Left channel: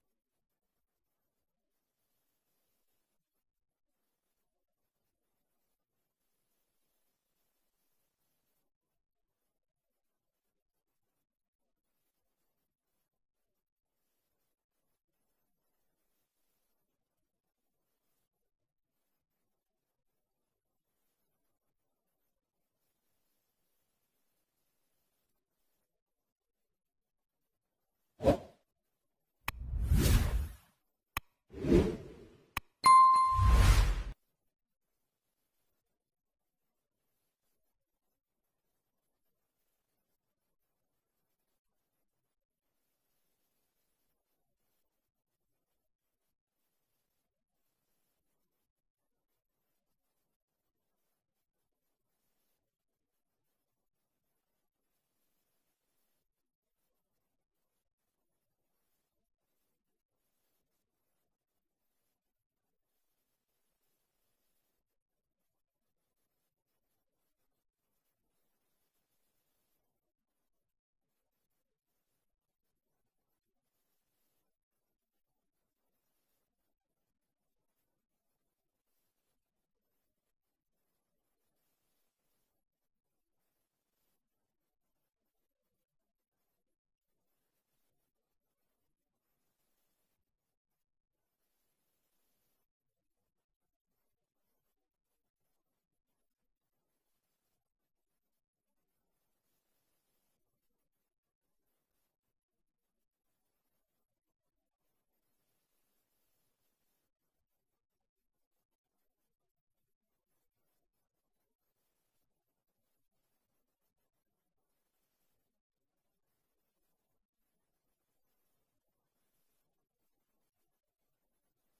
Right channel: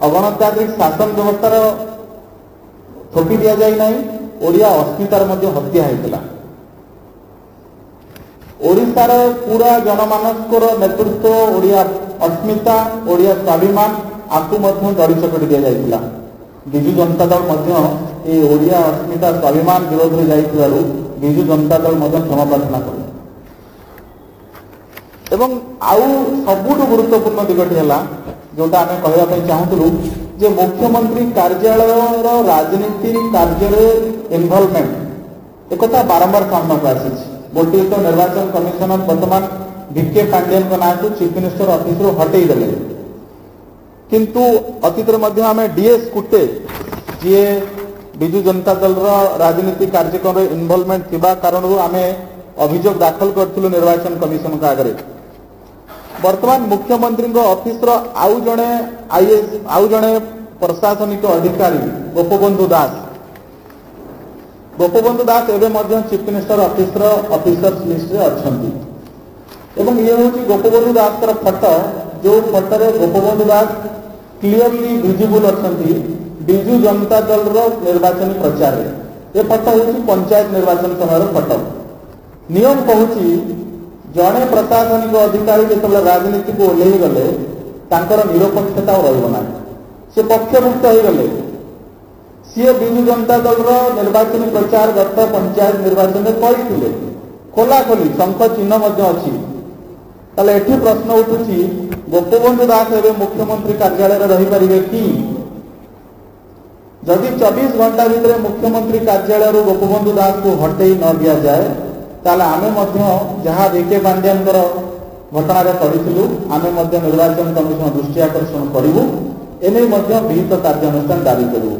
अगणतांत्रिक शासन व्यवस्थार थोपी दि जाए ना ओडिया अस्मितार मध्य हत्या होता ओडिशार पूरा जनमानसर नेतृत्व ओडिया अस्मिता ओडिया स्वाभिमान आपको दड़ी चकटी दि जाइए विजु जनता दल ओडिया अस्मिता स्वाभिमान विरोध में जाइथिबारु विजु जनता दल क्षमा प्रार्थना कर एवं आउ सबुठ गुरुत्वपूर्ण दिगटी है जोटा आम कहवाई चाहूलु जे मुख्यमंत्री कार्यालय राजनीति कार्य इनवॉल्वमेंट एक बारंबार सामना को आसी गोटे तो निर्वाचन कमिशनर वर्तमान वीके पांडियन ना को चीफ मिनिस्टर ऑफिस हटई देले किंतु अतीत आम डीएस कुटे जी विजु जनता दल राजनीति कार्यक्रम इनवॉल्वमेंट थिबा कारण आम अभियोग दाखल करूँ निर्वाचन कमिशन का आगे वर्तमान मुख्यमंत्री ऑफिस आउ जड़े आईएएस आउ जड़े प्रशासनिक अधिकारी गोपबंधु दास एवं chief minister office officers list रे अछंती एवं ये हूँ गोपबंधु दास फोटो जो फोटो गोपबंधु दास क्लीयरली विजिबल अछंती विजु जनता दल निर्वाचन प्रचार ये फोटो हूँ पंचायत निर्वाचन समय फोटो नियम कहूँ जड़े प्रशासनिक अधिकारी जो राजनीति को ओह्लई गले निरपेक्षता रहा सी पक्षभुक्त हो गले सी विजु जनता दल निर्वाचन प्रचार गत पंचायत निर्वाचन में करते खोलाखोली शंख चिन्ह अच्छी ताले एठी प्रश्न उठुची गोपबंधु दास एवं मुख्यमंत्री कार्यालय रही पारे कि जदि 24 घंटा भितर मुख्यमंत्री कार्यालय गोपबंधु दास को हटई न दि जाए ताले आमे जहाँ वीके पांडियन घटना करूँ आमे निर्वाचन कमिशन दृष्टि आकर्षण करूँ एने विहित कार्यानुष्ठान दाबी करूँ।